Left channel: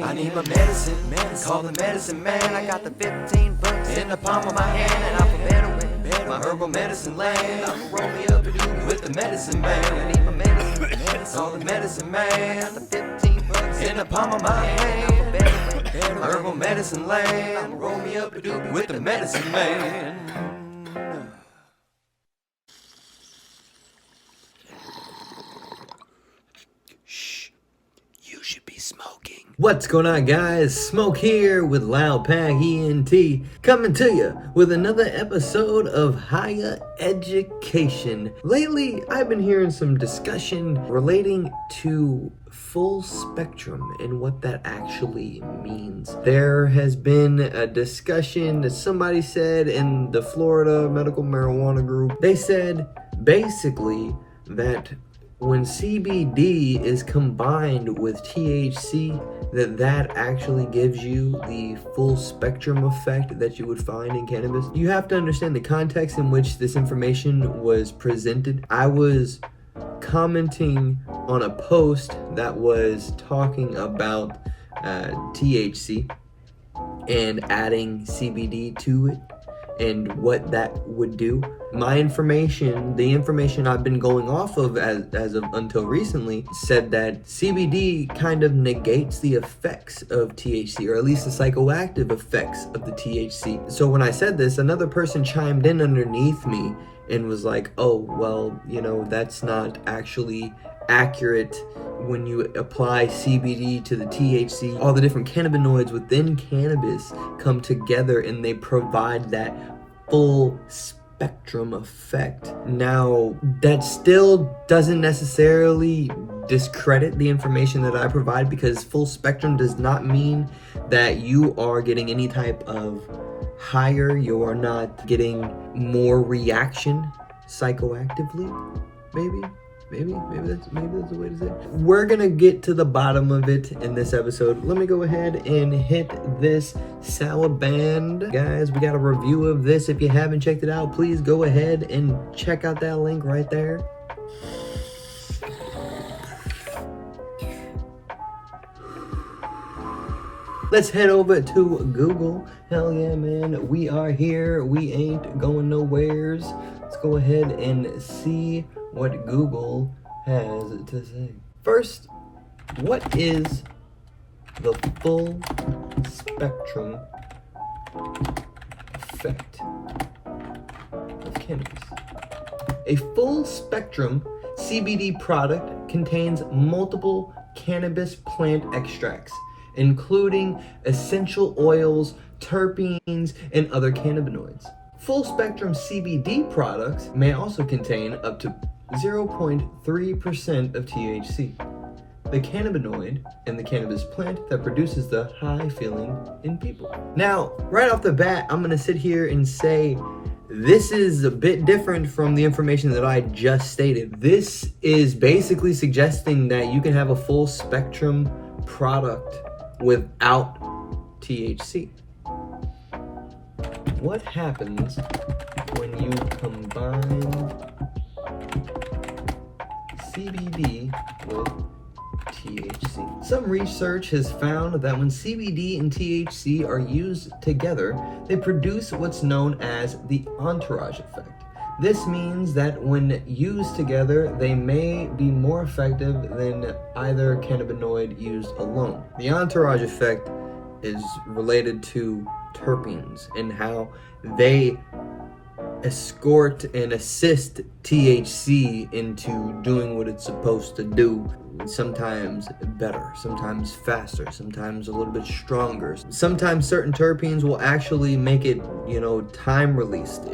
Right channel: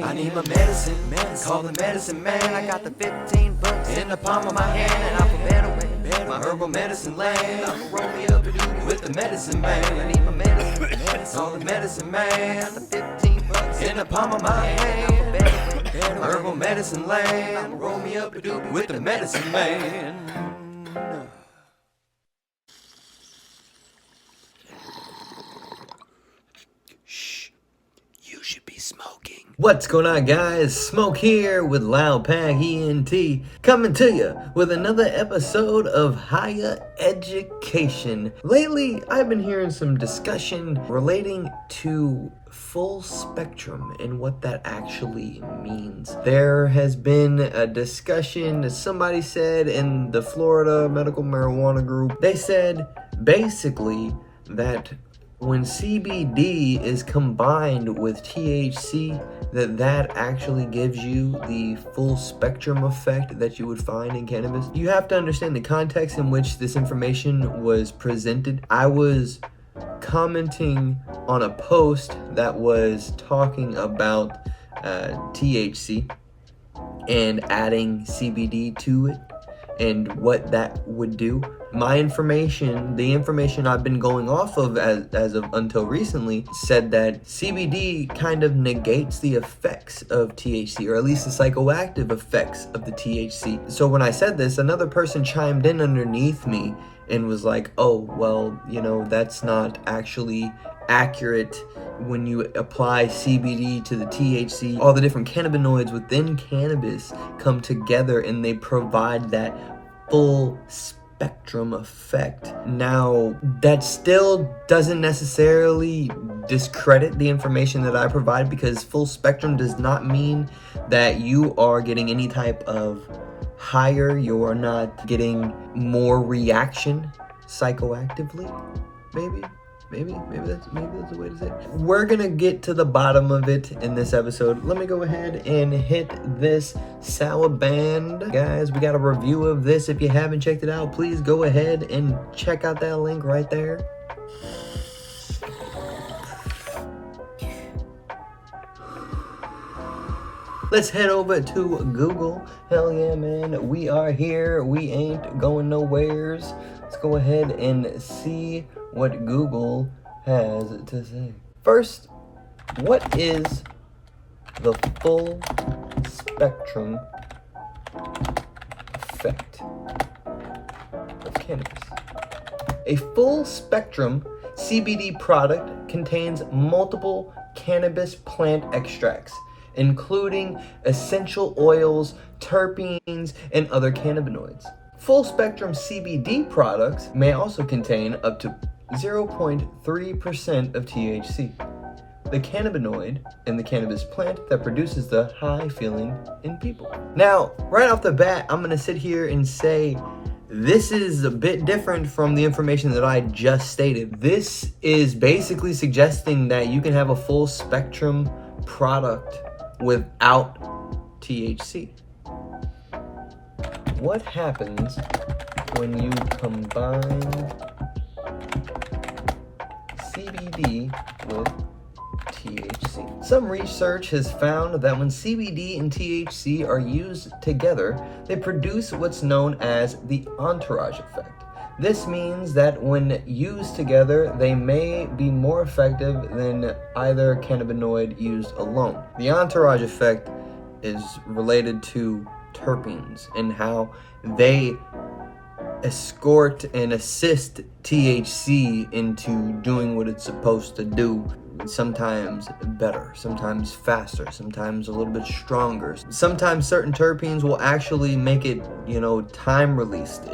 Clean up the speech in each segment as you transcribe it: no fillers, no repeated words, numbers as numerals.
I need my medicine, call the medicine man. I got the 15 bucks in the palm of my hand, and I feel better when my herbal medicine land. I'm roll me up and do with the medicine man. I need my medicine, call the medicine man. Got the 15 bucks in the palm of my hand. I feel better when my herbal medicine land. I'm roll me up and do with the medicine man. You should be smoking. What's going on, guys? Smoke here with Loud Pack ENT, coming to you with another episode of Higher Education. Lately, I've been hearing some discussion relating to full spectrum and what that actually means. There has been a discussion that somebody said in the Florida Medical Marijuana Group. They said basically that when CBD is combined with THC, that actually gives you the full spectrum effect that you would find in cannabis. You have to understand the context in which this information was presented. I was commenting on a post that was talking about THC and adding CBD to it and what that would do. My information, the information I've been going off of as of until recently, said that CBD kind of negates the effects of THC, or at least the psychoactive effects of the THC. So when I said this, another person chimed in underneath me and was like, oh, well, you know, that's not actually accurate. When you apply CBD to the THC, all the different cannabinoids within cannabis come together and they provide that full spectrum effect. Now, that still doesn't necessarily discredit the information that I provide, because full spectrum does not mean that you are getting any type of higher, you are not getting more reaction psychoactively, maybe that's the way to say it. We're gonna get to the bottom of it in this episode. Let me go ahead and hit this sour band. Guys, we got a review of this. If you haven't checked it out, please go ahead and check out that link right there. Let's head over to Google. Hell yeah, man. We are here. We ain't going nowheres. Let's go ahead and see what Google has to say. First, what is the full spectrum effect of cannabis? A full spectrum CBD product contains multiple cannabis plant extracts, including essential oils, terpenes, and other cannabinoids. Full spectrum CBD products may also contain up to 0.3% of THC, the cannabinoid in the cannabis plant that produces the high feeling in people. Now, right off the bat, I'm gonna sit here and say this is a bit different from the information that I just stated. This is basically suggesting that you can have a full spectrum product without THC. What happens when you combine CBD with THC? Some research has found that when CBD and THC are used together, they produce what's known as the entourage effect. This means that when used together, they may be more effective than either cannabinoid used alone. The entourage effect is related to terpenes and how they escort and assist THC into doing what it's supposed to do. Sometimes better, sometimes faster, sometimes a little bit stronger. Sometimes certain terpenes will actually make it, time released.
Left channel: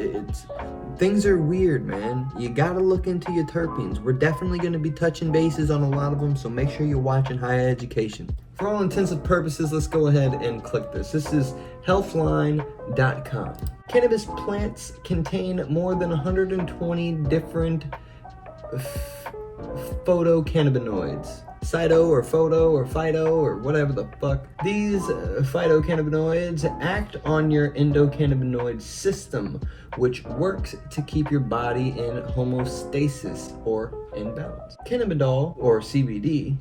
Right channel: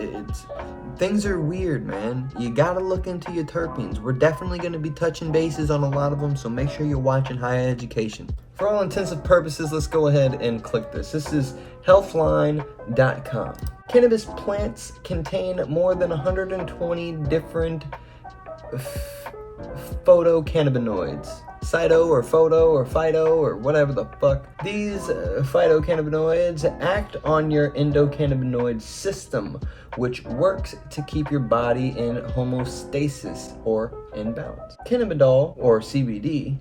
Things are weird, man. You gotta look into your terpenes. We're definitely gonna be touching bases on a lot of them, so make sure you're watching Higher Education. For all intents and purposes, let's go ahead and click this. This is healthline.com. Cannabis plants contain more than 120 different phytocannabinoids. Cyto or photo or phyto or whatever the fuck. These phytocannabinoids act on your endocannabinoid system, which works to keep your body in homeostasis or in balance. Cannabidol or CBD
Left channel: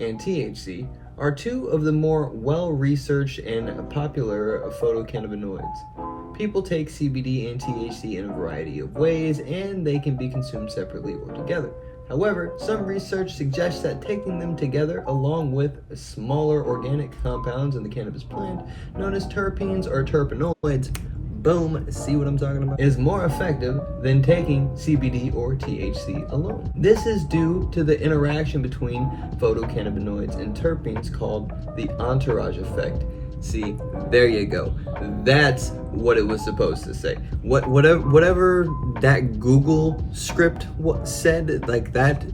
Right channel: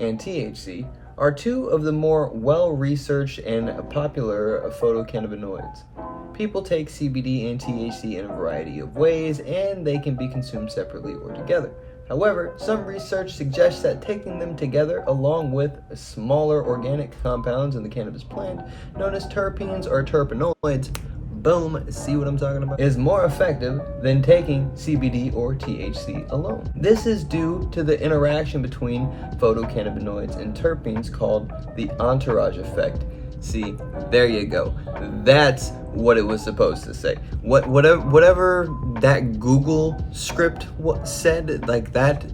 and THC are two of the more well-researched and popular phytocannabinoids. People take CBD and THC in a variety of ways, and they can be consumed separately or together. However, some research suggests that taking them together along with smaller organic compounds in the cannabis plant, known as terpenes or terpenoids, boom, see what I'm talking about, is more effective than taking CBD or THC alone. This is due to the interaction between phytocannabinoids and terpenes called the entourage effect. See, there you go. That's what it was supposed to say. Whatever that Google script said, like, that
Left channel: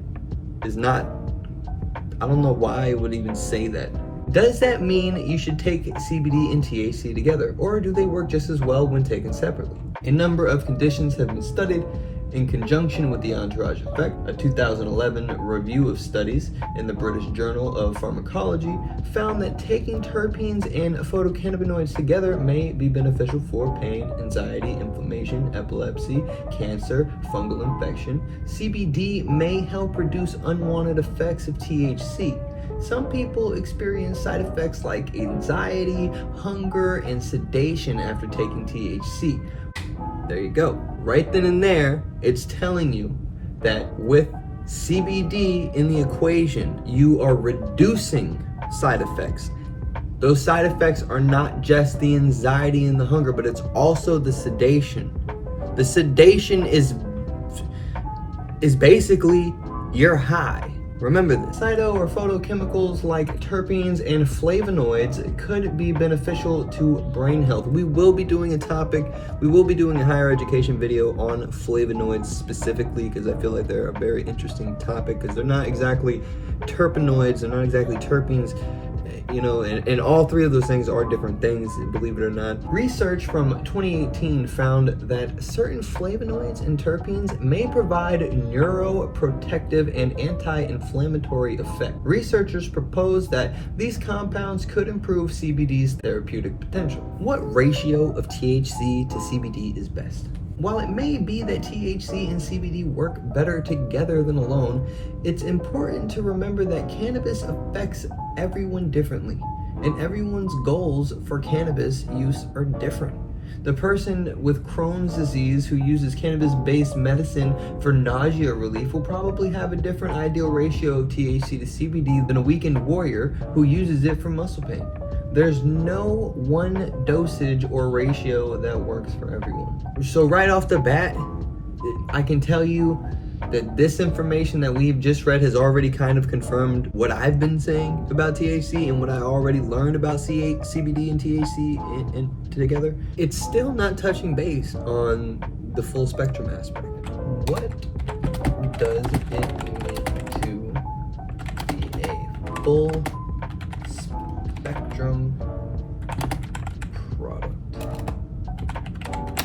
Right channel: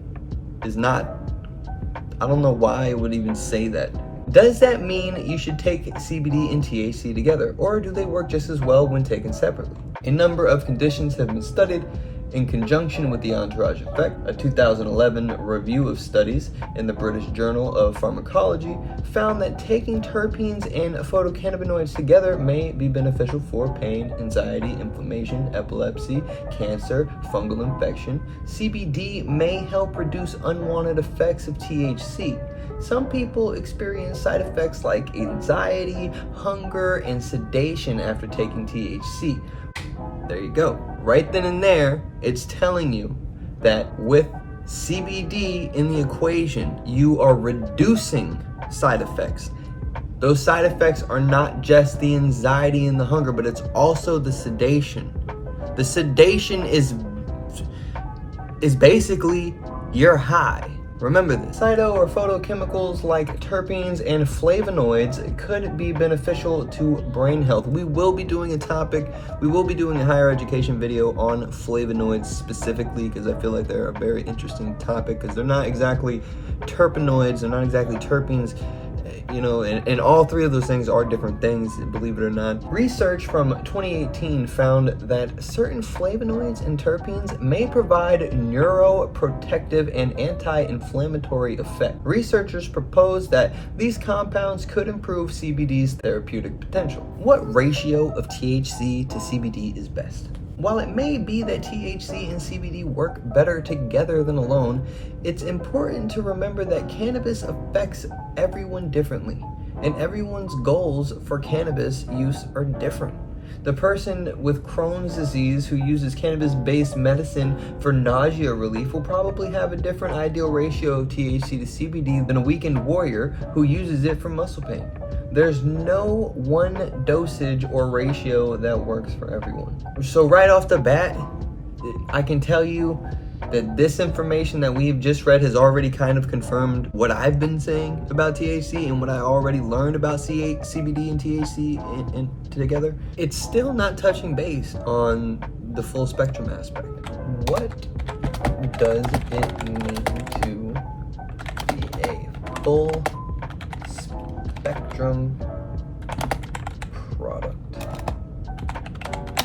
is not, I don't know why it would even say that. Does that mean you should take CBD and THC together, or do they work just as well when taken separately? A number of conditions have been studied in conjunction with the entourage effect. A 2011 review of studies in the British Journal of Pharmacology found that taking terpenes and phytocannabinoids together may be beneficial for pain, anxiety, inflammation, epilepsy, cancer, fungal infection. CBD may help reduce unwanted effects of THC. Some people experience side effects like anxiety, hunger, and sedation after taking THC. There you go. Right then and there, it's telling you that with CBD in the equation, you are reducing side effects. Those side effects are not just the anxiety and the hunger, but it's also the sedation. The sedation is basically you're high. Remember this. Phyto or photochemicals like terpenes and flavonoids could be beneficial to brain health. We will be doing a higher education video on flavonoids specifically, because I feel like they're a very interesting topic, because they're not exactly terpenoids, they're not exactly terpenes. You know, and all three of those things are different things, believe it or not. Research from 2018 found that certain flavonoids and terpenes may provide neuroprotective and anti-inflammatory effect. Researchers proposed that these compounds could improve CBD's therapeutic potential. What ratio of THC to CBD is best? While it may be that THC and CBD work better together than alone, it's important to remember that cannabis affects everyone differently, and everyone's goals for cannabis use are different. The person with Crohn's disease who uses cannabis-based medicine for nausea relief will probably have a different ideal ratio of THC to CBD than a weekend warrior who uses it for muscle pain. There's no one dosage or ratio that works for everyone. So right off the bat, I can tell you that this information that we've just read has already kind of confirmed what I've been saying about THC and what I already learned about CBD and THC and together. It's still not touching base on the full spectrum aspect. What does it mean to be a full spectrum product?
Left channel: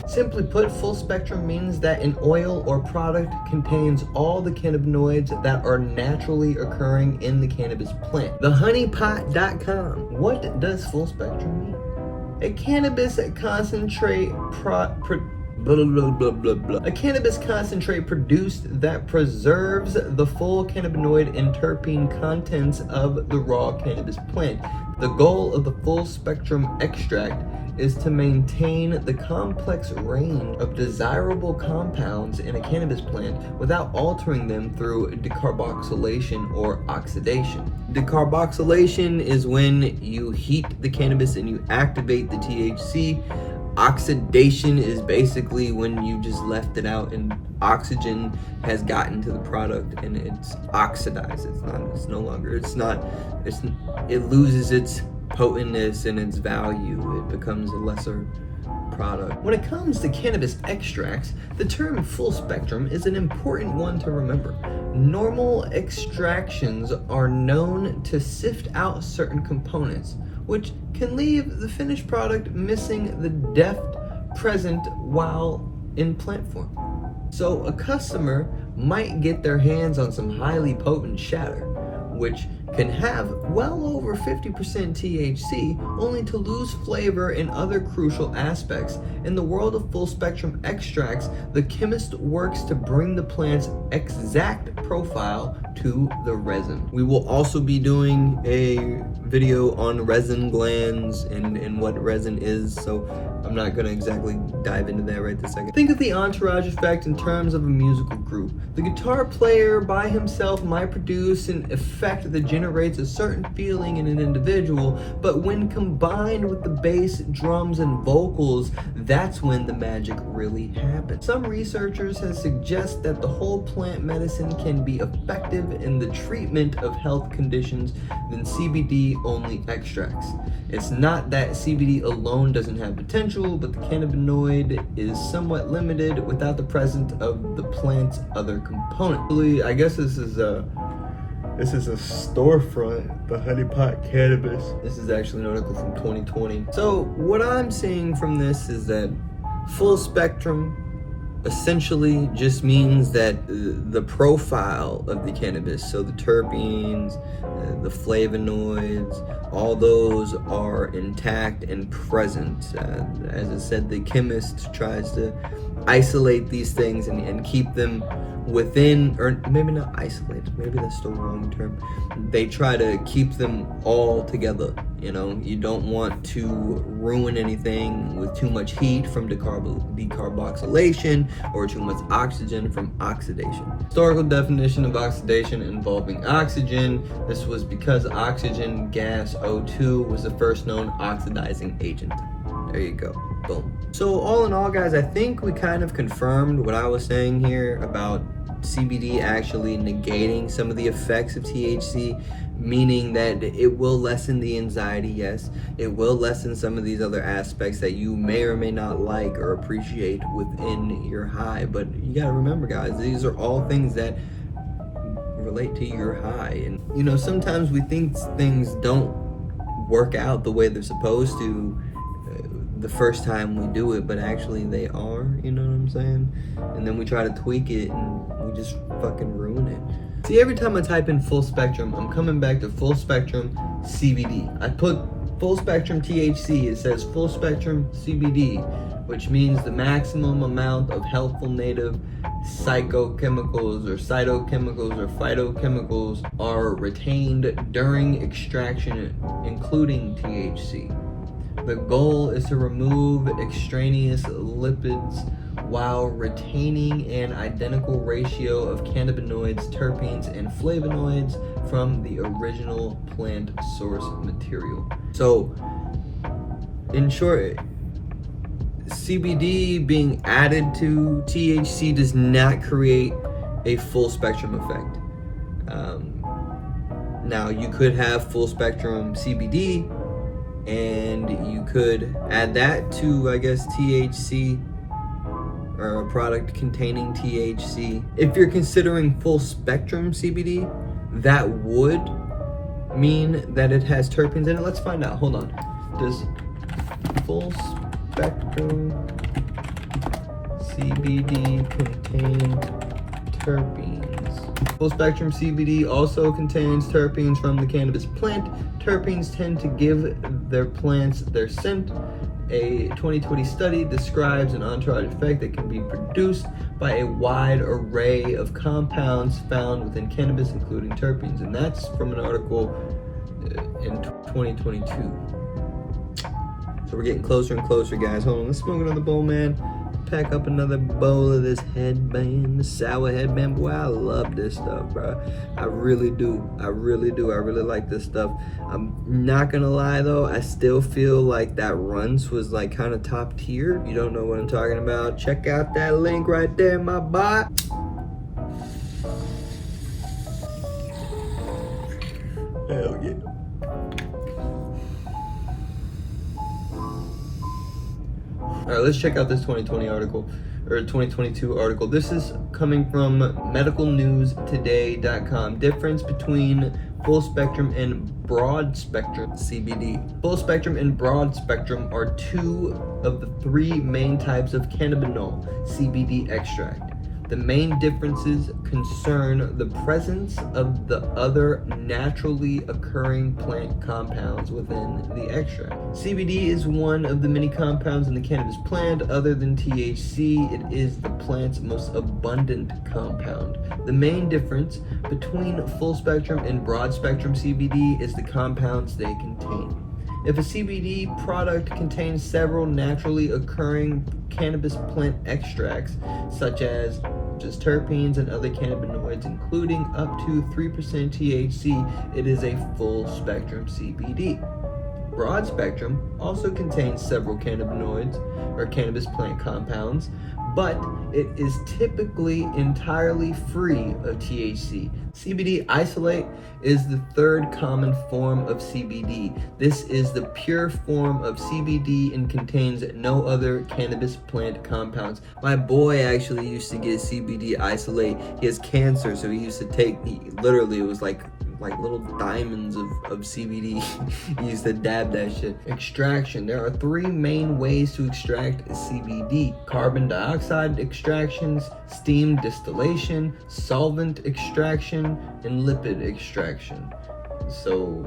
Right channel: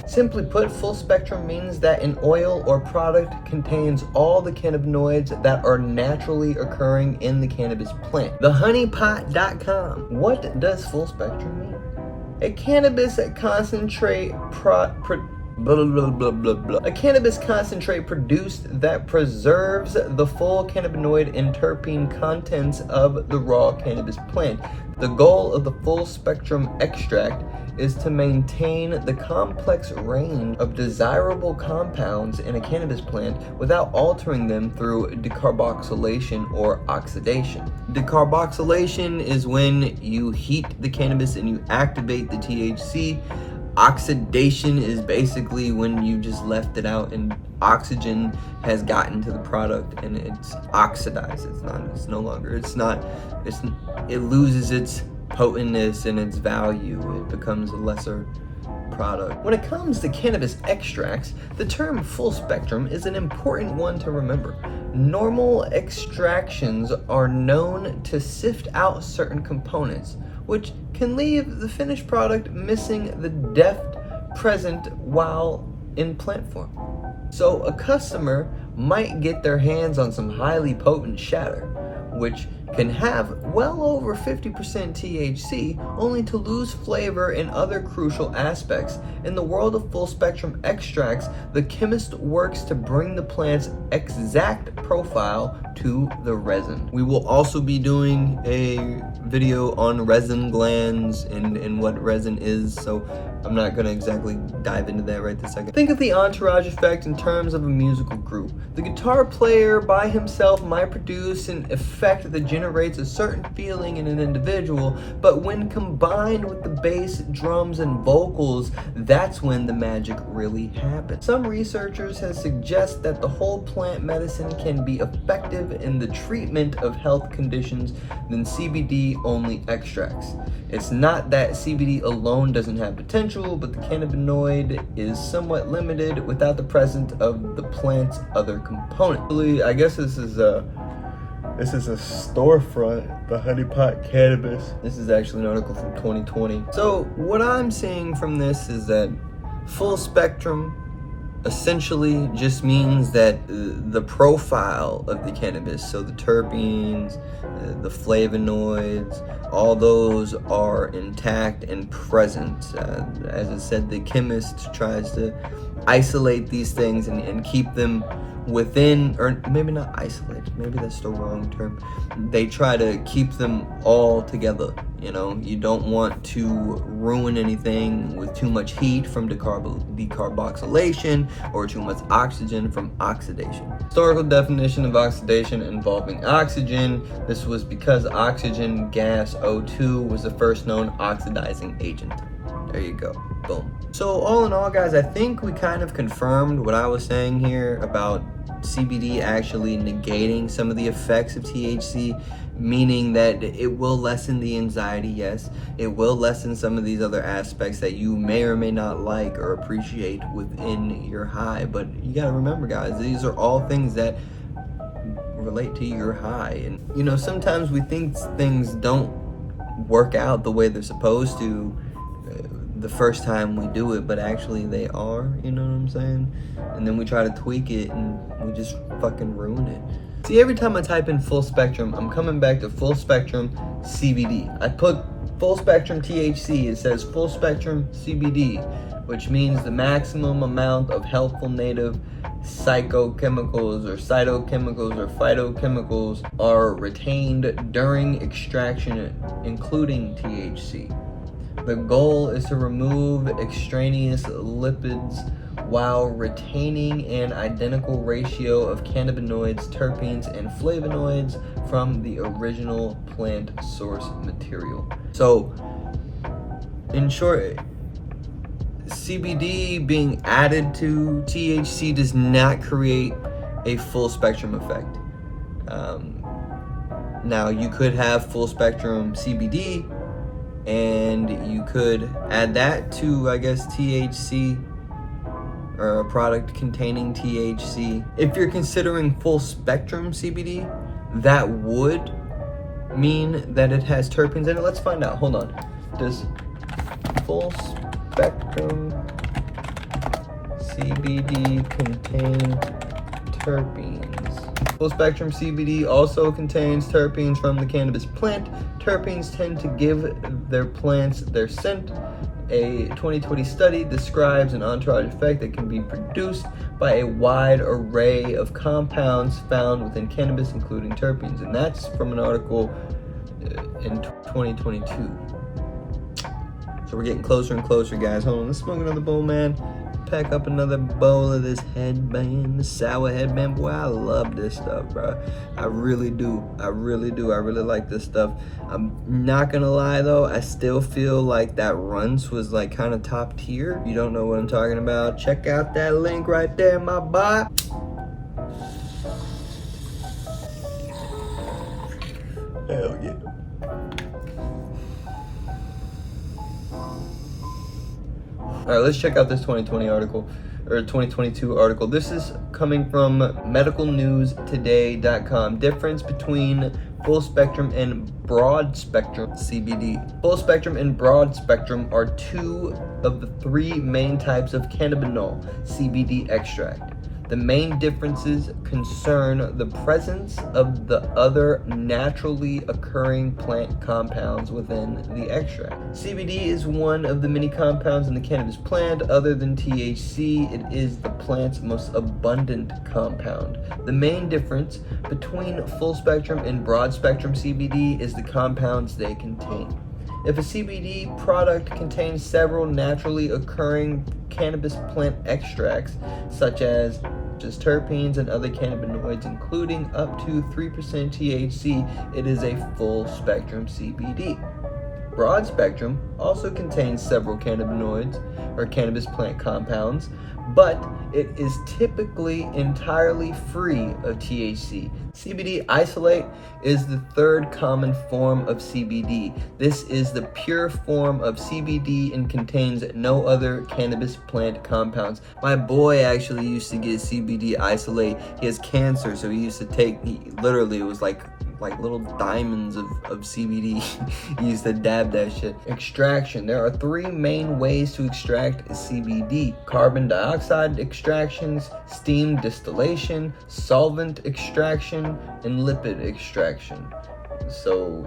Simply put, full spectrum means that an oil or product contains all the cannabinoids that are naturally occurring in the cannabis plant. TheHoneyPot.com. What does full spectrum mean? A cannabis concentrate A cannabis concentrate produced that preserves the full cannabinoid and terpene contents of the raw cannabis plant. The goal of the full spectrum extract is to maintain the complex range of desirable compounds in a cannabis plant without altering them through decarboxylation or oxidation. Decarboxylation is when you heat the cannabis and you activate the THC. Oxidation is basically when you just left it out and oxygen has gotten to the product and it's oxidized. It loses its potentness and its value. It becomes a lesser product. When it comes to cannabis extracts, the term full spectrum is an important one to remember. Normal extractions are known to sift out certain components, which can leave the finished product missing the depth present while in plant form. So a customer might get their hands on some highly potent shatter, which can have well over 50% THC, only to lose flavor and other crucial aspects. In the world of full spectrum extracts, the chemist works to bring the plant's exact profile to the resin. We will also be doing a video on resin glands and what resin is, so I'm not gonna exactly dive into that right this second. Think of the entourage effect in terms of a musical group. The guitar player by himself might produce an effect that generates a certain feeling in an individual, but when combined with the bass, drums, and vocals, that's when the magic really happens. Some researchers have suggested that the whole plant medicine can be effective in the treatment of health conditions than CBD-only extracts. It's not that CBD alone doesn't have potential, but the cannabinoid is somewhat limited without the presence of the plant's other components. I guess this is a storefront, the Honeypot Cannabis. This is actually an article from 2020. So what I'm seeing from this is that full spectrum essentially just means that the profile of the cannabis, so the terpenes, the flavonoids, all those are intact and present. As I said, the chemist tries to isolate these things and keep them within, or maybe not isolate, maybe that's the wrong term. They try to keep them all together. You know, you don't want to ruin anything with too much heat from decarboxylation or too much oxygen from oxidation. Historical definition of oxidation involving oxygen. This was because oxygen gas O2 was the first known oxidizing agent. There you go, boom. So all in all, guys, I think we kind of confirmed what I was saying here about CBD actually negating some of the effects of THC, meaning that it will lessen the anxiety, yes. It will lessen some of these other aspects that you may or may not like or appreciate within your high. But you gotta remember, guys, these are all things that relate to your high. And, you know, sometimes we think things don't work out the way they're supposed to the first time we do it, but actually they are, you know what I'm saying? And then we try to tweak it and we just fucking ruin it. See, every time I type in full spectrum, I'm coming back to full spectrum CBD. I put full spectrum THC, it says full spectrum CBD, which means the maximum amount of helpful native psychochemicals or cytochemicals or phytochemicals are retained during extraction, including THC. The goal is to remove extraneous lipids while retaining an identical ratio of cannabinoids, terpenes, and flavonoids from the original plant source material. So, in short, CBD being added to THC does not create a full spectrum effect. Now, you could have full spectrum CBD, and you could add that to, I guess, THC, or a product containing THC. If you're considering full spectrum CBD, that would mean that it has terpenes in it. Let's find out. Hold on. Does full spectrum CBD contain terpenes? Full spectrum CBD also contains terpenes from the cannabis plant. Terpenes tend to give their plants their scent. A 2020 study describes an entourage effect that can be produced by a wide array of compounds found within cannabis, including terpenes. And that's from an article in 2022. So we're getting closer and closer, guys. Hold on, let's smoke another bowl, man. Pack up another bowl of this headband, the sour headband. Boy, I love this stuff, bro. I really do. I really like this stuff. I'm not gonna lie though, I still feel like that Runts was like kind of top tier. You don't know what I'm talking about? Check out that link right there, my boy. Hell yeah. All right, let's check out this 2020 article, or 2022 article. This is coming from medicalnewstoday.com. Difference between full spectrum and broad spectrum CBD. Full spectrum and broad spectrum are two of the three main types of cannabinol CBD extract. The main differences concern the presence of the other naturally occurring plant compounds within the extract. CBD is one of the many compounds in the cannabis plant. Other than THC, it is the plant's most abundant compound. The main difference between full spectrum and broad spectrum CBD is the compounds they contain. If a CBD product contains several naturally occurring cannabis plant extracts, such as just terpenes and other cannabinoids, including up to 3% THC, it is a full spectrum CBD. Broad spectrum also contains several cannabinoids or cannabis plant compounds, but it is typically entirely free of THC. Cbd Isolate is the third common form of CBD. This is the pure form of CBD and contains no other cannabis plant compounds. My boy actually used to get CBD Isolate. He has cancer, so he used to take, literally it was like little diamonds of CBD. He used to dab that shit. Extraction. There are three main ways to extract CBD: carbon dioxide extractions, steam distillation, solvent extraction, and lipid extraction. So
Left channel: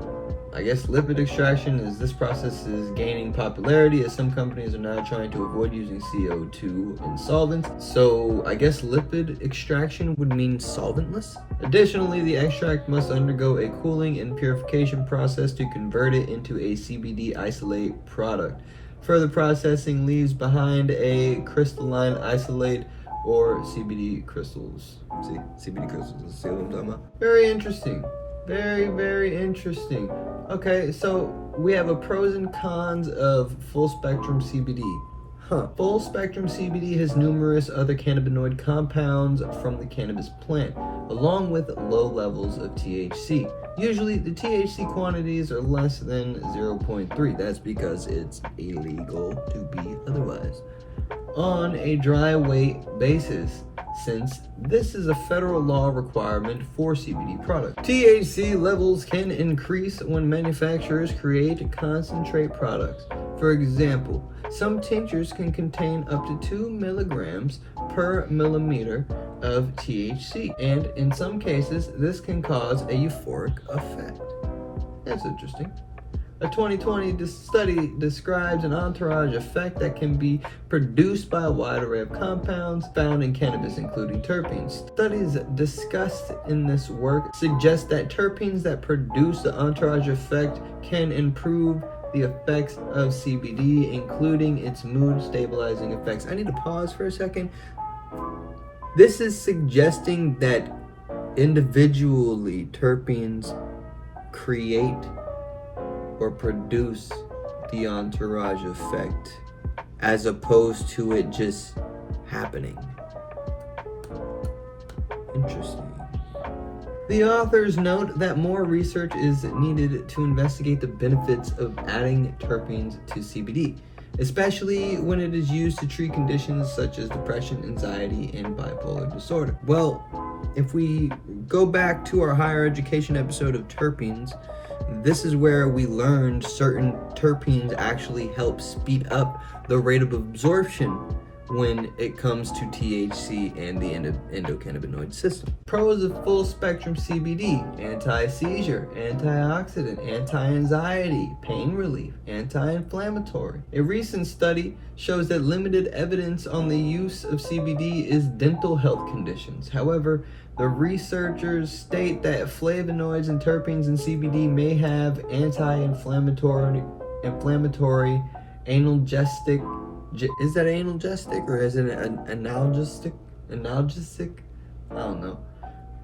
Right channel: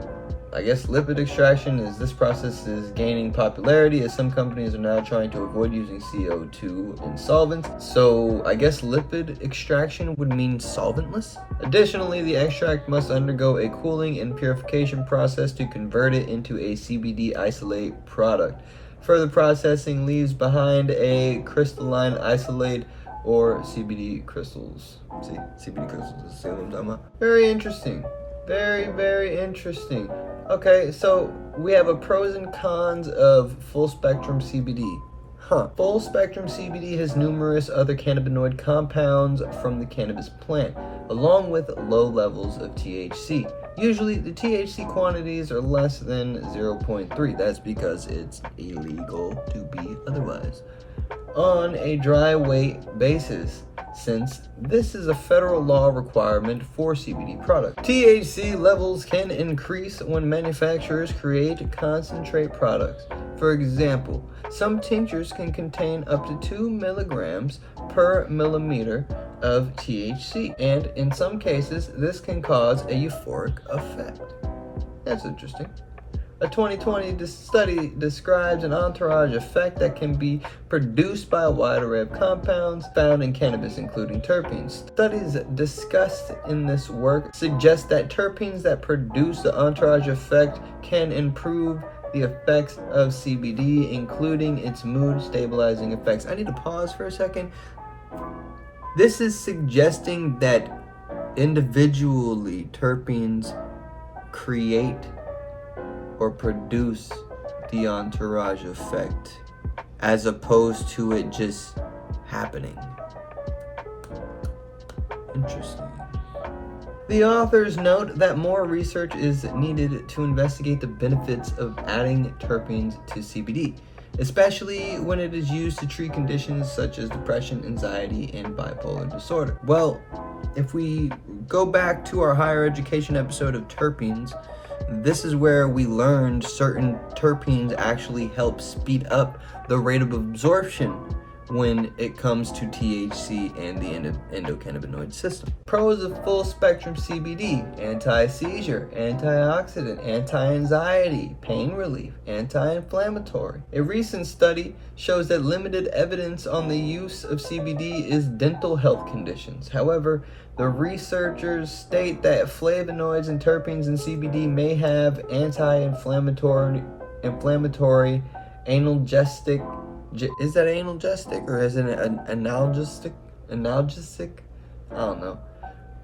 I guess lipid extraction is this process is gaining popularity as some companies are now trying to avoid using CO2 in solvents. So I guess lipid extraction would mean solventless. Additionally, the extract must undergo a cooling and purification process to convert it into a CBD isolate product. Further processing leaves behind a crystalline isolate or CBD crystals. See, CBD crystals, see what I'm talking about? Very interesting. Very, very interesting. Okay, so we have a pros and cons of full spectrum CBD. Full spectrum CBD has numerous other cannabinoid compounds from the cannabis plant, along with low levels of THC. Usually, the THC quantities are less than 0.3. That's because it's illegal to be otherwise. On a dry weight basis, since this is a federal law requirement for CBD products. THC levels can increase when manufacturers create concentrate products. For example, some tinctures can contain up to 2 milligrams per milliliter of THC, and in some cases, this can cause a euphoric effect. That's interesting. A 2020 study describes an entourage effect that can be produced by a wide array of compounds found in cannabis, including terpenes. Studies discussed in this work suggest that terpenes that produce the entourage effect can improve the effects of CBD, including its mood stabilizing effects. I need to pause for a second. This is suggesting that individually terpenes create or produce the entourage effect as opposed to it just happening. Interesting. The authors note that more research is needed to investigate the benefits of adding terpenes to CBD, especially when it is used to treat conditions such as depression, anxiety, and bipolar disorder. Well, if we go back to our higher education episode of terpenes, this is where we learned certain terpenes actually help speed up the rate of absorption when it comes to THC and the endocannabinoid system. Pros of full spectrum CBD: anti-seizure, antioxidant, anti-anxiety, pain relief, anti-inflammatory. A recent study shows that limited evidence on the use of CBD is dental health conditions. However, the researchers state that flavonoids and terpenes in CBD may have anti-inflammatory, analgesic. Is that analgesic or is it an analgesic? I don't know.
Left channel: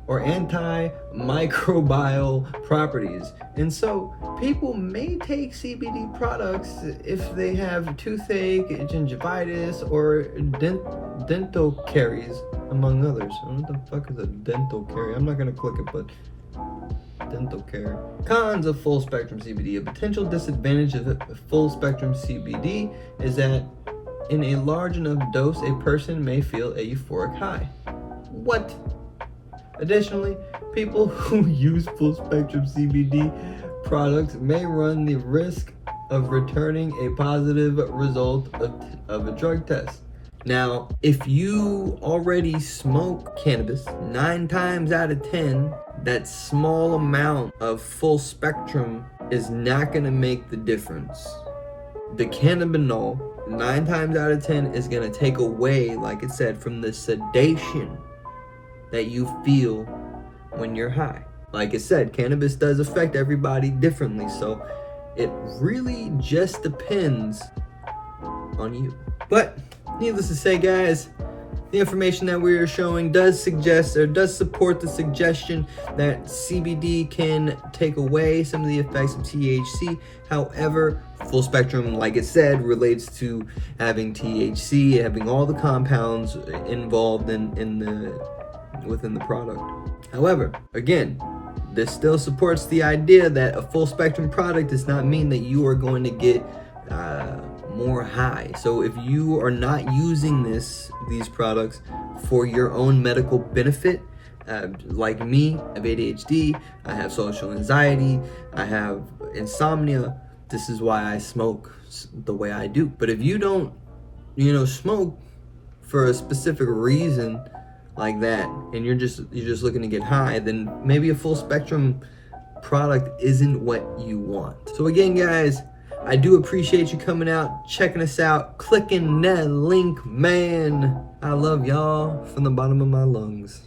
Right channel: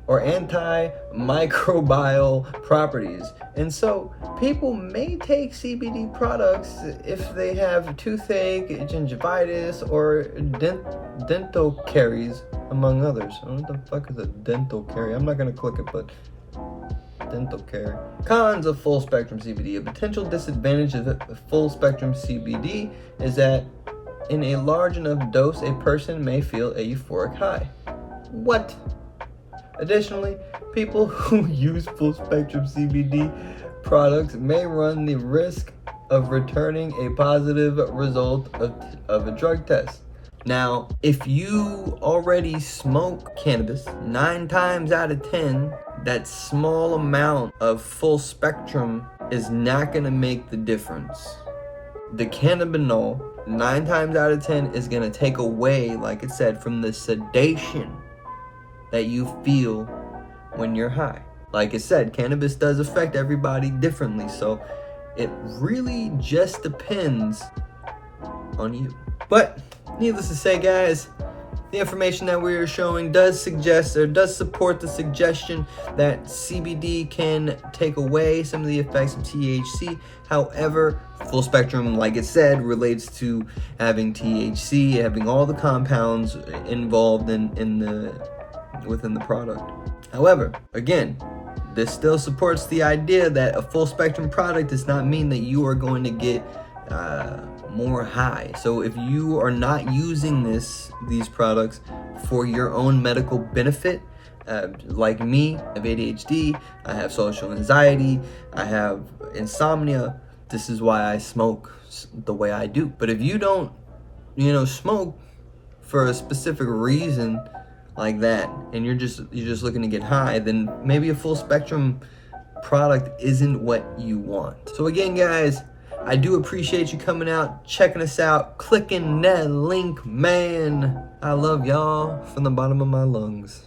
Or antimicrobial properties. And so people may take CBD products if they have toothache, gingivitis, or dental caries, among others. What the fuck is a dental carie? I'm not gonna click it, but dental care. Cons of full spectrum CBD. A potential disadvantage of full spectrum CBD is that in a large enough dose, a person may feel a euphoric high. What? Additionally, people who use full spectrum CBD products may run the risk of returning a positive result of a drug test. Now, if you already smoke cannabis, 9 times out of 10, that small amount of full spectrum is not gonna make the difference. The cannabinol, 9 times out of 10, is gonna take away, like it said, from the sedation that you feel when you're high. Like it said, cannabis does affect everybody differently, so it really just depends on you. But needless to say, guys, the information that we are showing does suggest or does support the suggestion that CBD can take away some of the effects of THC. However, full spectrum, like it said, relates to having THC, having all the compounds involved within the product. However, again, this still supports the idea that a full spectrum product does not mean that you are going to get more high. So if you are not using these products for your own medical benefit, like me, I have ADHD, I have social anxiety, I have insomnia, this is why I smoke the way I do. But if you don't, smoke for a specific reason like that, and you're just looking to get high, then maybe a full spectrum product isn't what you want. So again, guys, I do appreciate you coming out, checking us out, clicking that link, man. I love y'all from the bottom of my lungs.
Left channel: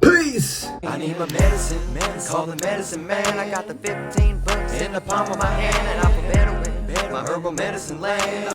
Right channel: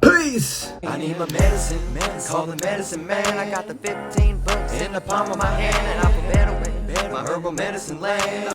Peace! I need my medicine, call the medicine man. I got the 15 bucks in the palm of my hand, and I feel better when my herbal medicine land.